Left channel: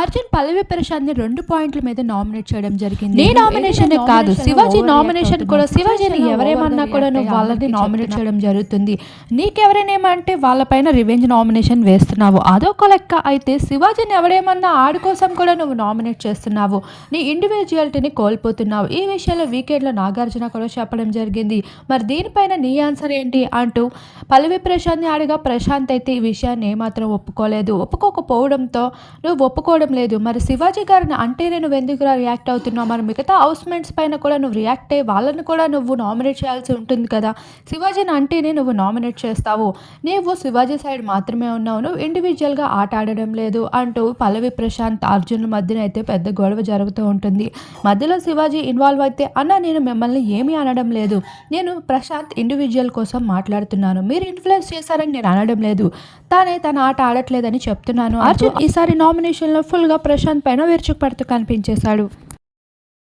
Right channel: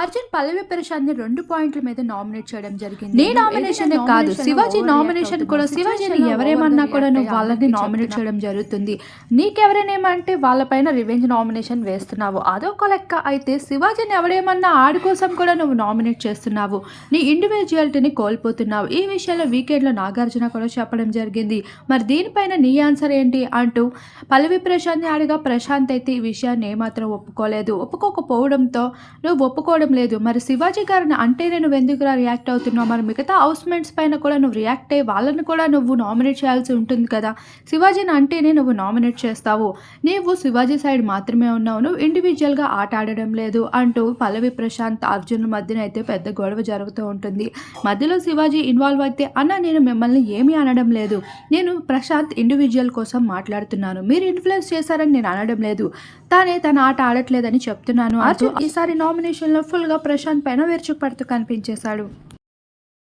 అర్జున్ పల్లవి ప్రశాంత్ని రెండు పాయింట్ల మీద నామినేట్ చేయడం జరిగింది. నీ నామినేషన్ కాదు శివాజీ నామినేషన్ కూడా శివాజీని ఎవరేమన్నా కూడా నువ్వు వాళ్ళని నామినేట్ చేయడం జరుగుతుంది. నీకెవరైనా వాళ్ళపైన రివెంజ్ నామినేషన్ వేస్తున్నావు. అదొక లెక్క అయితే శివాజీని ఎవరేమన్నా ఆడి కోసం కూడా నువ్వు నామినేట్ చేస్తున్నావు. నీ ఇండివిజువాలిటీని కోల్పోతున్నావు. ఈ విషయంలో వీకెండ్లో నాగార్జున కూడా చెప్పడం జరిగింది. మరి దీనిపైన నీ ఆన్సర్ ఏంటి అంటూ పల్లవి ప్రశాంత్ని అడిగా ప్రశాంత్ అయితే ఈ విషయాన్ని ఏమాత్రం ఒప్పుకోలేదు. ఒప్పుకోకపోవడంతో నువ్వు ఒప్పుకోవడం లేదు. మరి శివాజీ గారిని అంటే నువ్వు ఎందుకు రియాక్ట్ అవుతున్నావు? మరి మిగతా హౌస్మెంట్స్ పైన కూడా నువ్వు రియాక్ట్ అయ్యి వాళ్ళని కూడా నువ్వు నామినేట్ చేయాల్సి ఉంటుంది కదా. శివాజీని అంటేనే నువ్వు నామినేట్ చేస్తావు. నీవు శివాజీ సైడ్ మాత్రమే ఉన్నావు. నువ్వు ఇండివిజువల్గా ఆట ఆడడం లేదు అంటూ పల్లవి ప్రశాంత్ అర్జున్ మధ్యన అయితే పెద్ద గొడవ జరుగుతూ ఉంటుంది. మధ్యలో శివాజీ ఇన్వాల్వ్ అయితే అన్న నేను మిమ్మల్ని ఏమీ అనడం లేదు. నేను ప్రశాంత్ ఇండివిజువల్ కోసం మాట్లాడుతున్నాను. మీరు ఇన్ఫ్లుయెన్స్ చేశారని నేను అనడం లేదు. తానే తన ఆట ఆడట్లేదని చెప్తున్నాను. అర్జున్ ఈసారి నామినేషన్లో ఫుల్గా ప్రశాంత్ పైన విరుచుకుపడుతూ కనిపించేశాడు.